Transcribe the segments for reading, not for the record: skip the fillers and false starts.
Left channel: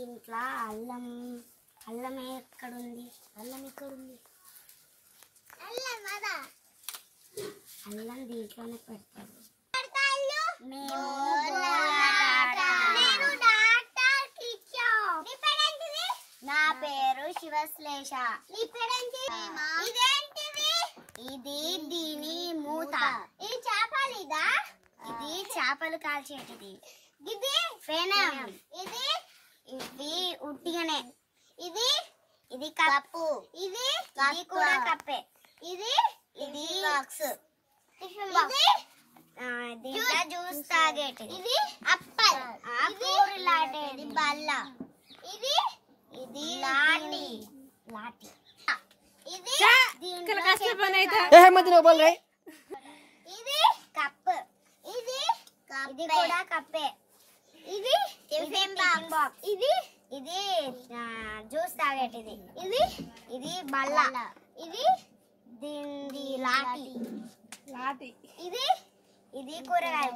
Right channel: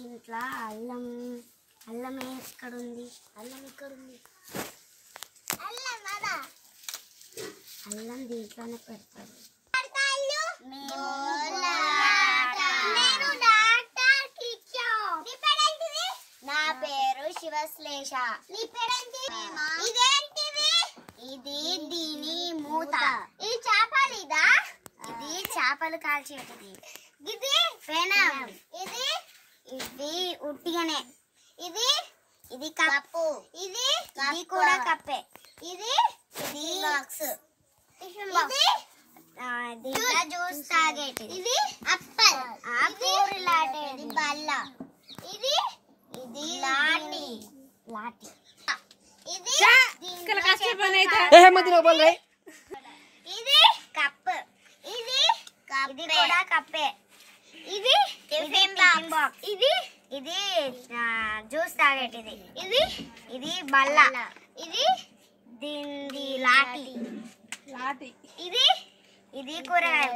ఇంట్లో అల్లం అల్లం ఎక్కడుంది? అల్లం ఇక్కడుంది. అల్లం దీంట్లోనే పెడతారు. నా పేరు శివశ్లేష. ఇది దీని మూత. ఇది చేపలిదా? ఇది చేపలు కాల్చేటిది. ఇది పెనం. ఇది ఇది ఉట్టిగానే. ఇది ఇది కప్పు. ఇది ఇది కూడా కప్పే. ఇది ఇది బాక్స్. ఇది దీంట్లో జ్యూస్ తాగేటిది. ఇది అప్పల్. ఆకూర లాంటిది బల్ల. ఇది ఇది లాటి లాటి. ఇది ఇది కప్. ఇది ఇది కూడా కప్పే. ఇది టిఫిన్ బాక్స్. ఇది ఇది జ్యూస్ తాగేటిది. ఇది ఇది బల్ల. ఇది దీని లాటి లాటి. ఇది ఇది కూరగాయ.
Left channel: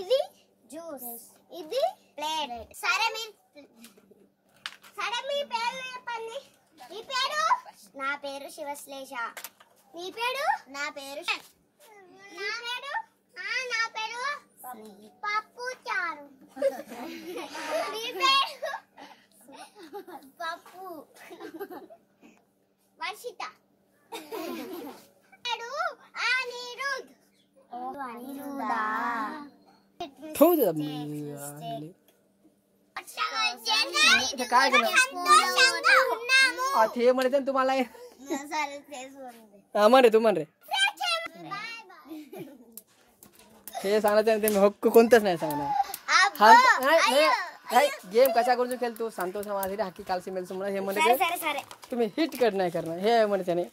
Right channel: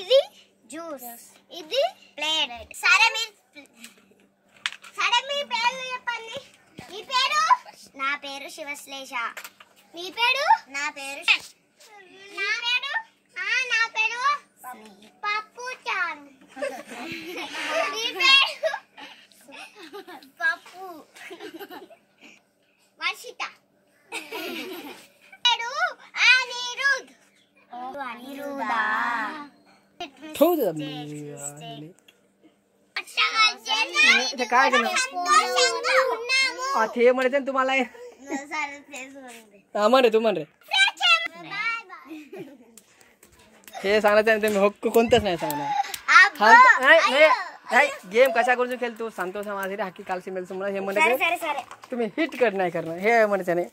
ఇది జ్యూస్. ఇది ప్లేట్. సరే మీ పేరు చెప్పండి. మీ పేరు? నా పేరు శివశ్లేష. మీ పేరు? నా పేరు నా పేరు నా పేరు పప్పు చారు. మీ పేరు? పప్పు. వర్షిత. పేరు అనిరుద్. అనిరుదా? म्हणते तुम्हाला म्हण रे तू म्हण रे. हे सांगायचं नाही. हक्क कोणतंच नाही सांगणार. गेम कशा करून खेळतो सांगतो समाज हाकी कालशी मेल तुम्हाला हे म्हणते तुम्ही हिट कर नाही करणार हे म्हणते नाही.